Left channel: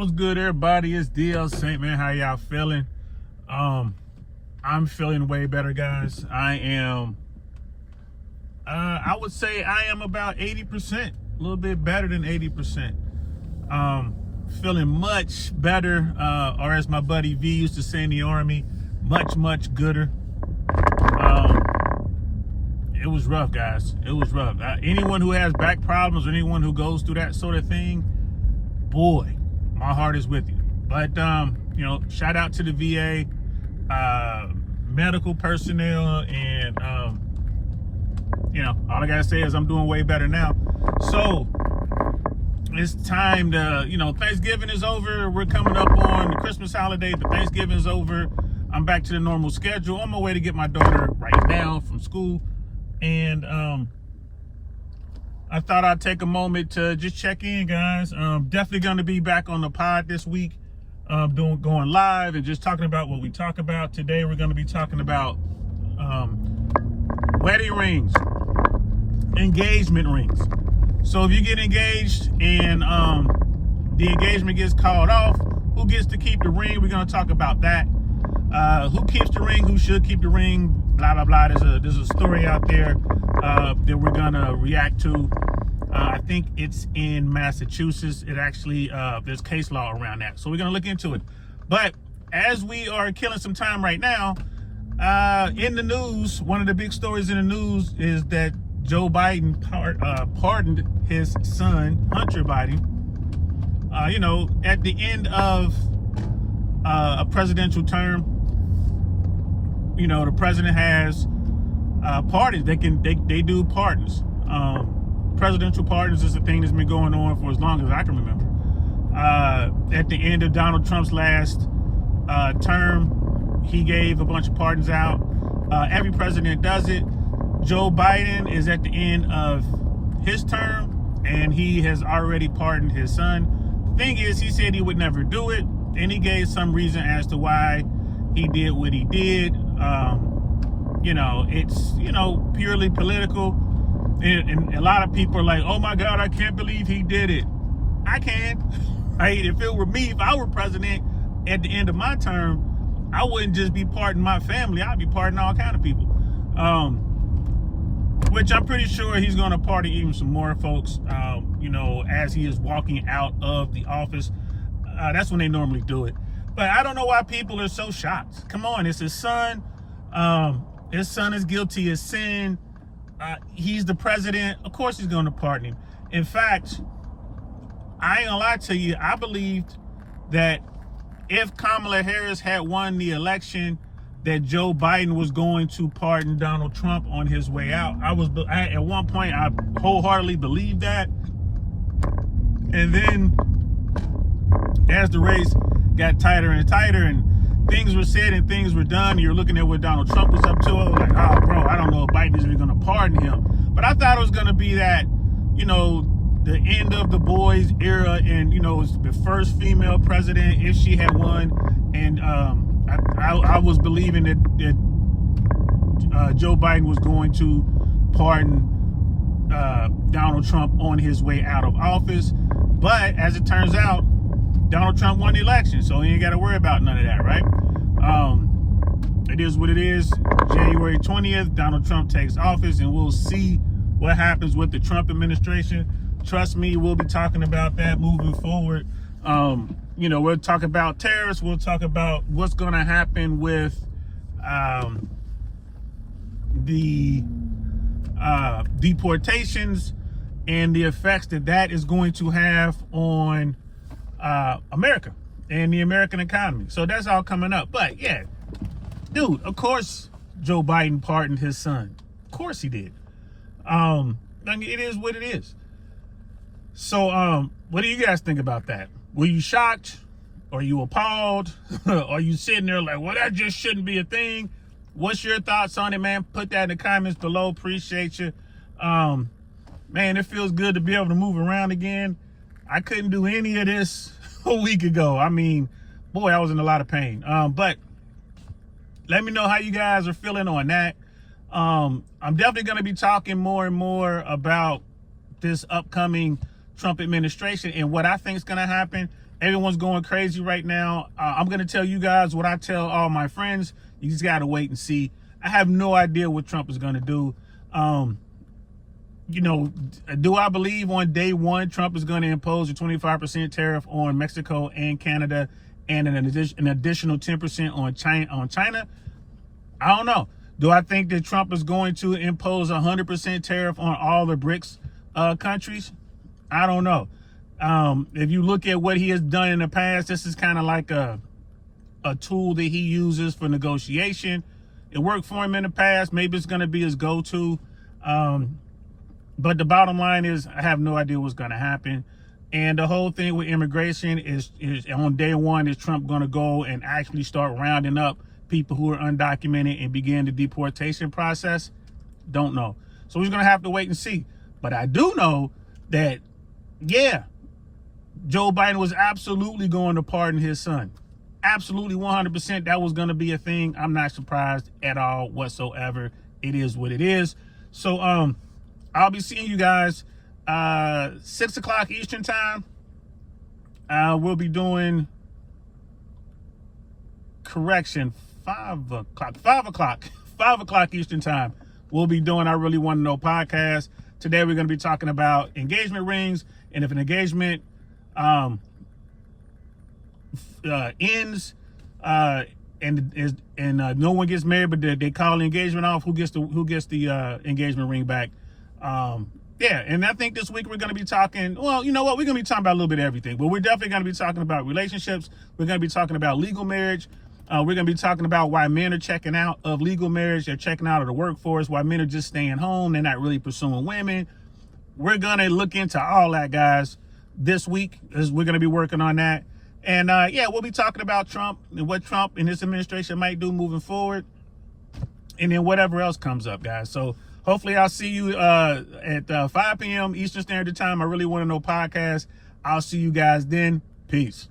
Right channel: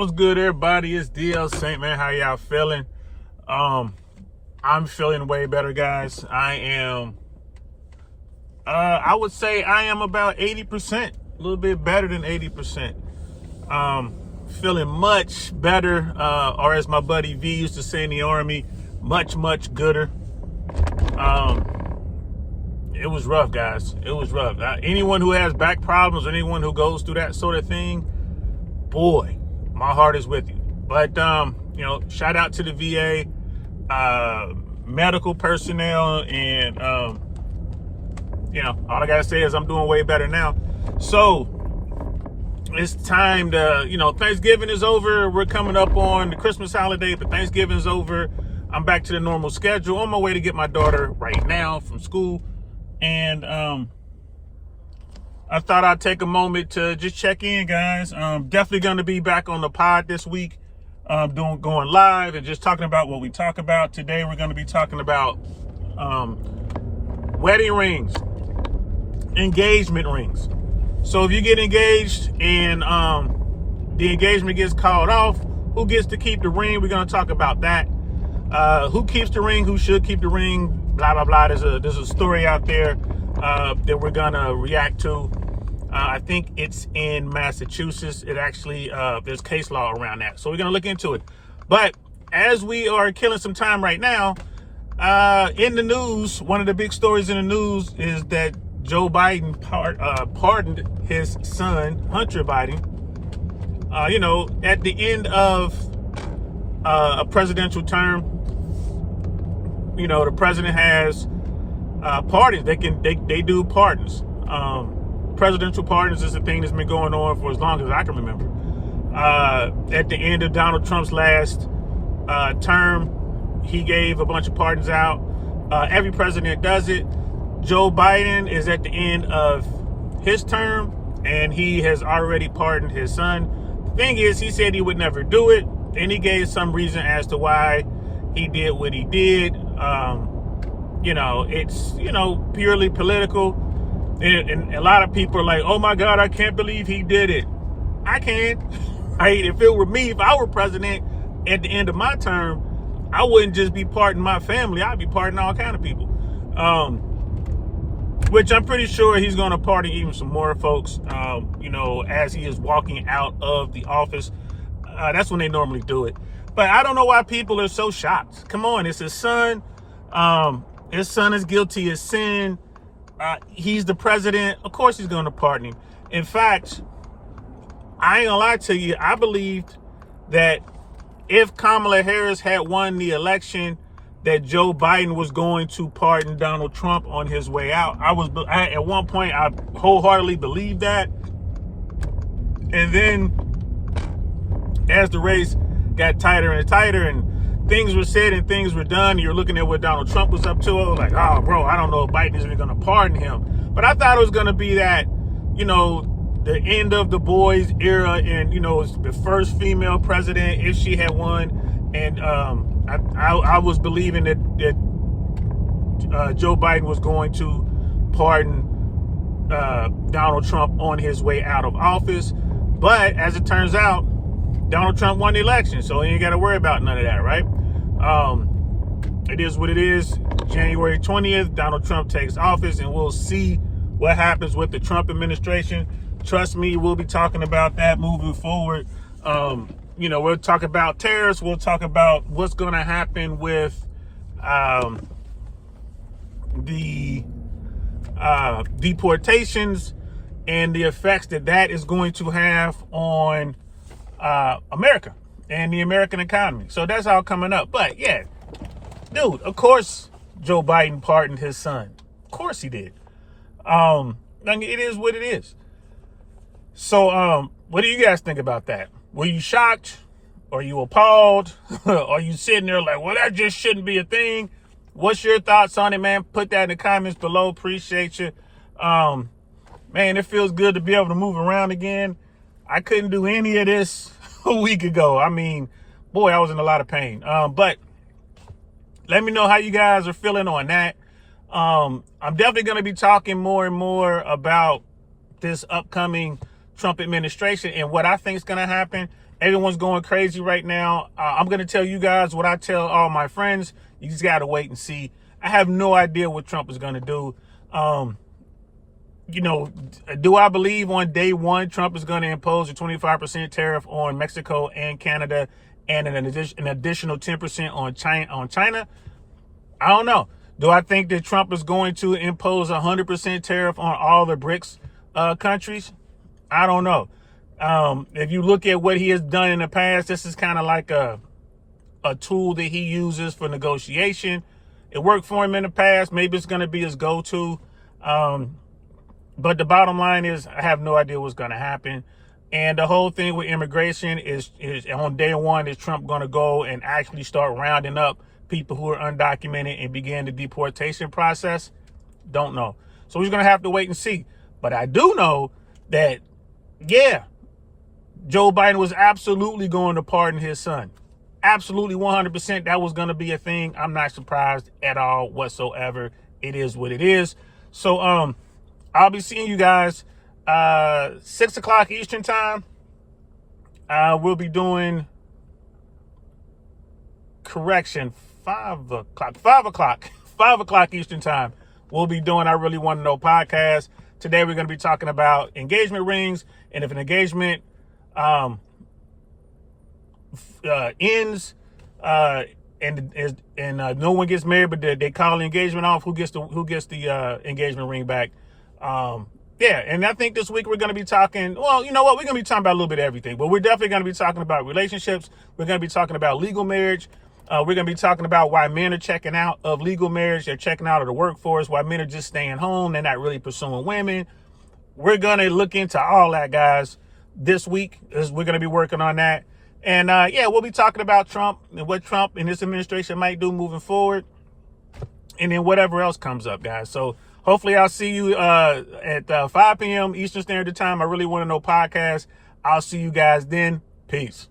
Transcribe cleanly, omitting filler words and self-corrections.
What's good, everybody? It's DL Saint, man. How y'all feeling? I'm feeling way better, guys. I am, I would say I am about 80%, a little bit better than 80%. Feeling much better, or as my buddy V used to say in the Army, much gooder. It was rough, guys. It was rough. Anyone who has back problems, or anyone who goes through that sort of thing, boy, my heart is with you. But shout out to the VA, medical personnel, and all I gotta say is I'm doing way better now. So it's time to, Thanksgiving is over. We're coming up on the Christmas holiday, but Thanksgiving's over. I'm back to the normal schedule, on my way to get my daughter right now from school. And I thought I'd take a moment to just check in, guys. Definitely going to be back on the pod this week, going live and just talking about what we talk about. Today we're going to be talking about wedding rings, engagement rings. So if you get engaged and the engagement gets called off, who gets to keep the ring? We're going to talk about that. Who keeps the ring? Who should keep the ring? Blah blah blah. There's a story out there that we're gonna react to. I think it's in Massachusetts. It actually there's case law around that, so we're gonna look into it. But as we are killing some time right now, in the news, one of the big stories in the news is that Joe Biden pardoned his son Hunter Biden. At the end of a presidential term, the president has pardons. They do pardons. Presidential pardons is a thing that's been going on for as long as I can remember. At the end of Donald Trump's last term, he gave a bunch of pardons out. Every president does it. Joe Biden is at the end of his term, and he has already pardoned his son. The thing is, he said he would never do it, and he gave some reason as to why he did what he did. It's purely political, and a lot of people are like, oh my God, I can't believe he did it. I can't. If it were me, if I were president at the end of my term, I wouldn't just be pardoning my family, I'd be pardoning all kind of people, which I'm pretty sure he's going to pardon even some more folks, as he is walking out of the office. That's when they normally do it. But I don't know why people are so shocked. Come on, it's his son. His son is guilty of sin. He's the president. Of course he's going to pardon him. In fact, I ain't gonna lie to you. I believed that if Kamala Harris had won the election, that Joe Biden was going to pardon Donald Trump on his way out. At one point, I wholeheartedly believed that. And then as the race got tighter and tighter, and things were said and things were done, you're looking at what Donald Trump was up to. I was like, oh, bro, I don't know if Biden is even going to pardon him. But I thought it was going to be that, the end of the boys era, and, it's the first female president, if she had won. And I was believing that Joe Biden was going to pardon Donald Trump on his way out of office. But as it turns out, Donald Trump won the election, so he ain't got to worry about none of that, right? It is what it is. January 20th, Donald Trump takes office, and we'll see what happens with the Trump administration. Trust me, we'll be talking about that moving forward. We'll talk about tariffs. We'll talk about what's going to happen with the deportations and the effects that is going to have on America and the American economy. So that's all coming up. But yeah, dude, of course Joe Biden pardoned his son. Of course he did. It is what it is. So what do you guys think about that? Were you shocked? Are you appalled? Are you sitting there like, well, that just shouldn't be a thing? What's your thoughts on it, man? Put that in the comments below. Appreciate you. Man, it feels good to be able to move around again. I couldn't do any of this a week ago. I mean, boy, I was in a lot of pain. But let me know how you guys are feeling on that. I'm definitely going to be talking more and more about this upcoming Trump administration and what I think is going to happen. Everyone's going crazy right now. I'm going to tell you guys what I tell all my friends. You just got to wait and see. I have no idea what Trump is going to do. You know, do I believe on day one Trump is going to impose a 25% tariff on Mexico and Canada and an additional 10% on China? I don't know. Do I think that Trump is going to impose a 100% tariff on all the BRICS countries? I don't know. If you look at what he has done in the past, this is kind of like a tool that he uses for negotiation. It worked for him in the past. Maybe it's going to be his go-to. But the bottom line is I have no idea what's going to happen. And the whole thing with immigration is on day one, is Trump going to go and actually start rounding up people who are undocumented and begin the deportation process? Don't know. So we're going to have to wait and see. But I do know that, yeah, Joe Biden was absolutely going to pardon his son. Absolutely 100%. That was going to be a thing. I'm not surprised at all whatsoever. It is what it is. So, I'll be seeing you guys 6 o'clock Eastern time. We'll be doing 5 o'clock Eastern time. We'll be doing I Really Want to Know podcast. Today we're going to be talking about engagement rings, and if an engagement ends and no one gets married, but they call the engagement off, who gets the engagement ring back? Yeah, and I think this week we're going to be talking, well, you know what? We're going to be talking about a little bit of everything, but we're definitely going to be talking about relationships. We're going to be talking about legal marriage. We're going to be talking about why men are checking out of legal marriage. They're checking out of the workforce, why men are just staying home. They're not really pursuing women. We're going to look into all that, guys, this week. We're going to be working on that. And, yeah, we'll be talking about Trump and what Trump and this administration might do moving forward. And then whatever else comes up, guys. So hopefully I'll see you at 5 p.m. Eastern Standard Time. I Really Want to Know podcast. I'll see you guys then. Peace.